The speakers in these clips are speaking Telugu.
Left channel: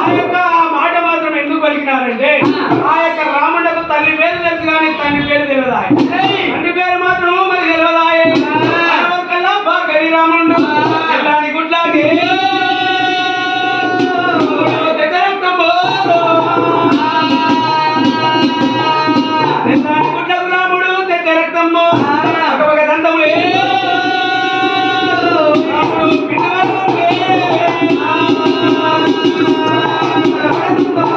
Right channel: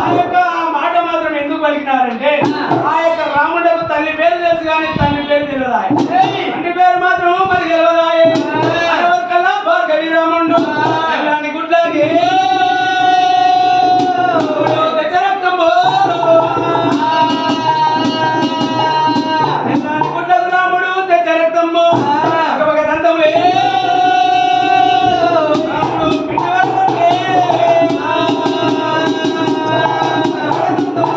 ఆ యొక్క మాట మాత్రం ఎందుకు పలికినారంటే ఆ యొక్క రాముడకు తల్లి పేరు తెలుసు కానీ తండ్రి పేరు తెలియదా? తండ్రి పేరు మాత్రం మరి తెలియదా? కల్లా భార్గవి రాముడు ఎలాంటి గుడ్లాకి గుడ్లకు రాముడు తెచ్చ రక్తము ఒక దండములే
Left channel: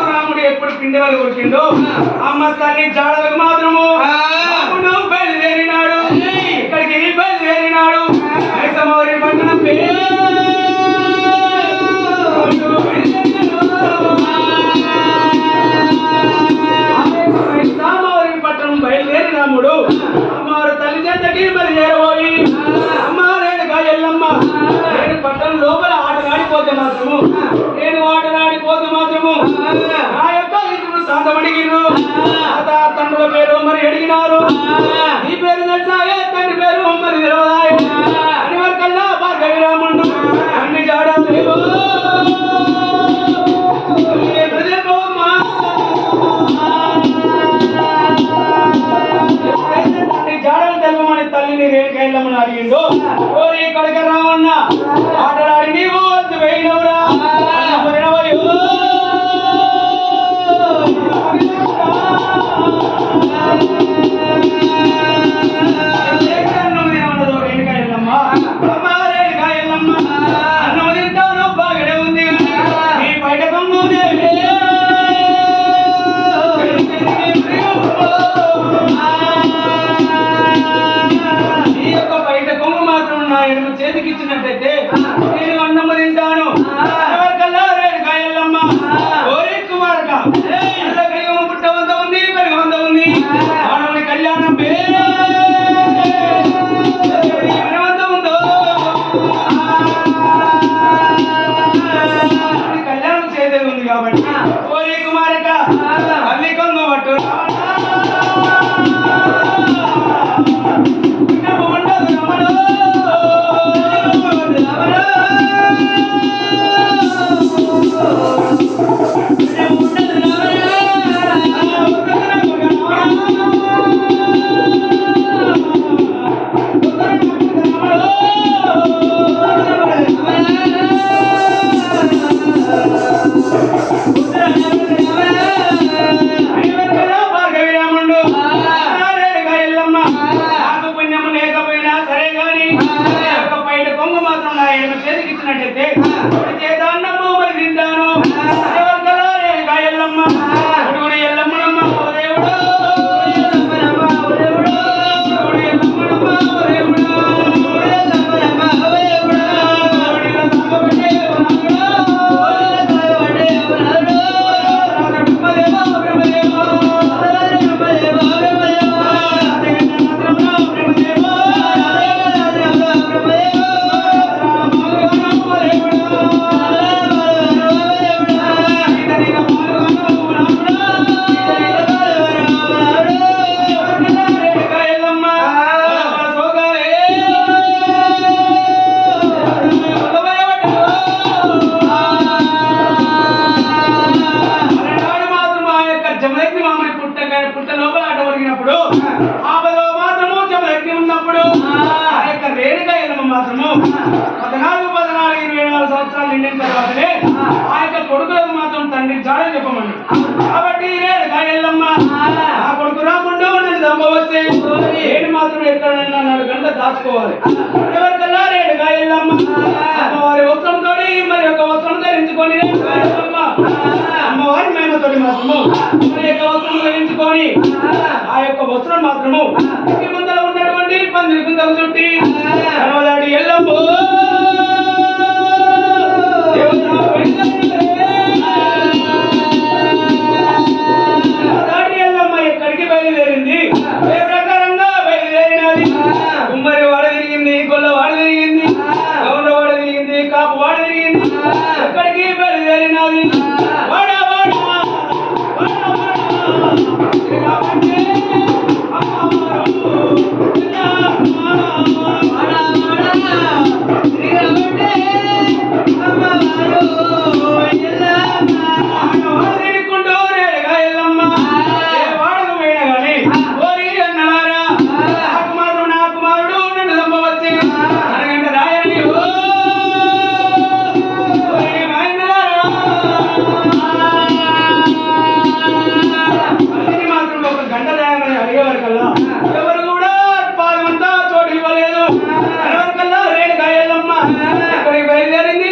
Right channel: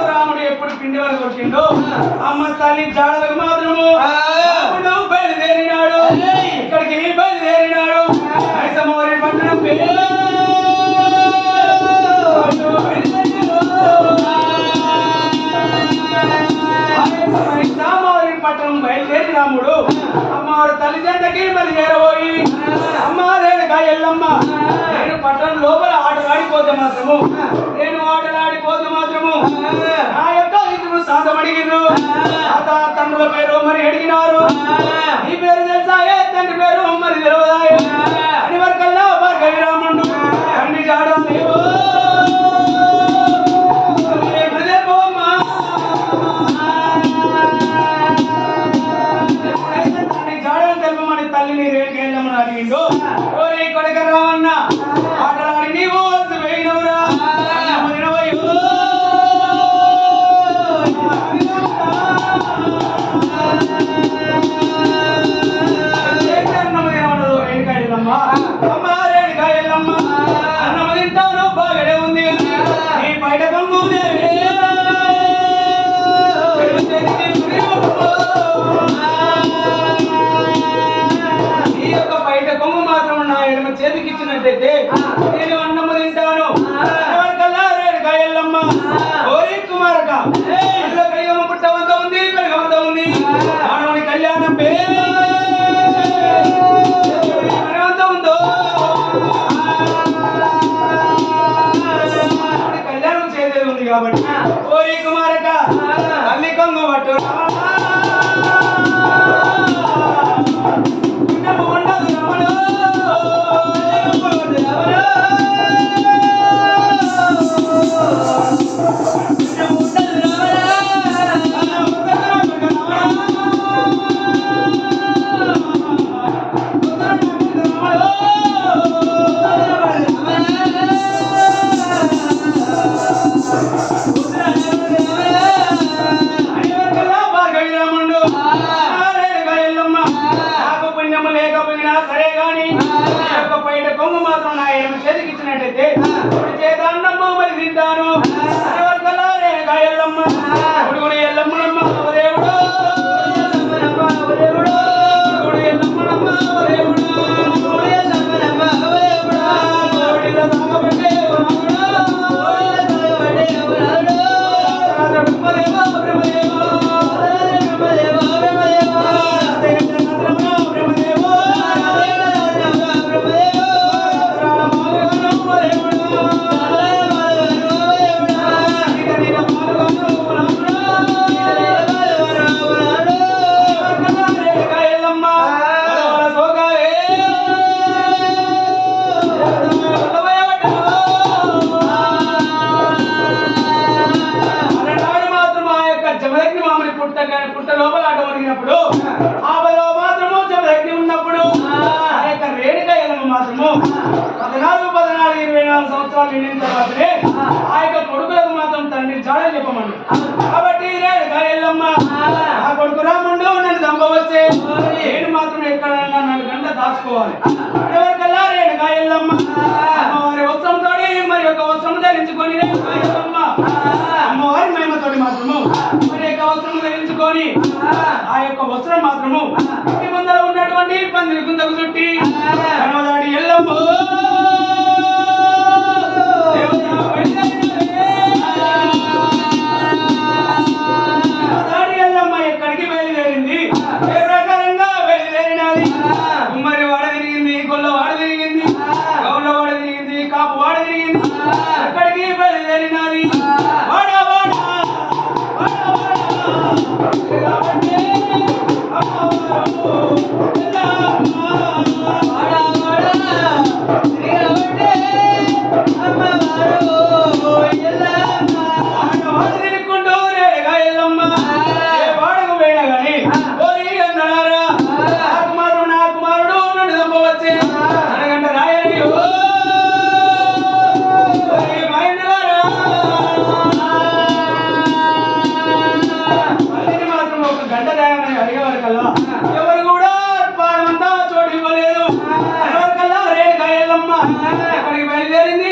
రాముడు ఎప్పుడు పిండి వాళ్ళు కొట్టిండు అమ్మ తల్లి జాడలకు మాత్రము రాముడు బయలుదేరినాడు. ఇక్కడికి బయలుదేరినాడు. మైసమౌరి పట్టణం పట్టణం బయలుదేరి రాముడు అమ్మవారు తల్లి చెంతకి మరి చేరబోయి అమ్మ రేణుకా ఎల్లమ్మ నేను పట్టణం లోపల ఆటలాడిపోతే మాత్రము నా యొక్క ఇతరులు శాంతం అడిగిను. తండ్రుల పేరు మరి అడిగినారు. ఈ పేరు తెలుసా? తండ్రి పేరు మరి తెలియదా? అని వరకల్లా భార్గవి రాముడు తండ్రి జాడలేవు జాడలు తెలపమని తల్లిని రేణుకా ఎల్లమ్మని అడిగిండు. ఇక్కడికి రావన్న ఆటలాడి నీవు పోయినవురా చేతికిచ్చినట్టయితే నేను అన్నము తింటాను. కల్లా రేణుకా ఎల్లమ్మ ఓరి కుమారక కైగమ్మ పుట్ట వంద ఉంది కడగ వంద ఉంది మానవుని కళ్యాణం వంద ఉందో కళ్యాణం చేసేది ఉంది కాబట్టి ఓరి కుమారక అల్లి కొంగు పట్టు చేతికిచ్చినట్టయితే చేత అన్నమ్మ మరి తింటాను. ఎల్లమ్మ ఎల్లమ్మనమ్మ దేవుడు పుట్ట లోపల ఆట ఒరిగినప్పుడు ఆపదలో మాత్రము జమయజ్ఞి ఉన్నప్పుడు ఆ యొక్క రేణుకా ఎల్లమ్మ మాత్రము 24 సంవత్సరాలు నిండిన తర్వాతనే ఆ యొక్క కొడుకులకు మాత్రం తండ్రి జాడని చెప్పమండి. కాబట్టి రేణుకా ఎల్లమ్మ ఆ కొడుకు రాముండు నన్ను చంపవచ్చే నేను మాత్రం ఎక్కడన్నా 4 గంటలు దాచుకోవాలి. ఎవరికల్లా రేణుకా ఎల్లమ్మ అమ్మవారి వస్త్రంతో మరి యొక్క వస్త్రం ధరించుకొని అమ్మవారి మేమతోటి మాత్రము మరి యొక్క వస్త్రం ధరించుకొని ఆ యొక్క వస్త్రం మాత్రము ఇంటి ముందర ఉన్నటువంటి పందిరి కుందకు చుట్టి కనవలాడి ఎల్లమ్మ ఎల్లమ్మ ఎక్కడికి బయలుదేరింది ఏ ప్రకారంగా బయలుదేరినది. కుమ్మరి వాడ తిరిగింది, గొల్ల వాడ తిరిగింది, గౌడ వాడ తిరిగింది, కాపు వాడ తిరిగింది. ఎక్కడికి బయలుదేరినది వాడ వాడ వాడ అక్కడికి బయలుదేరింది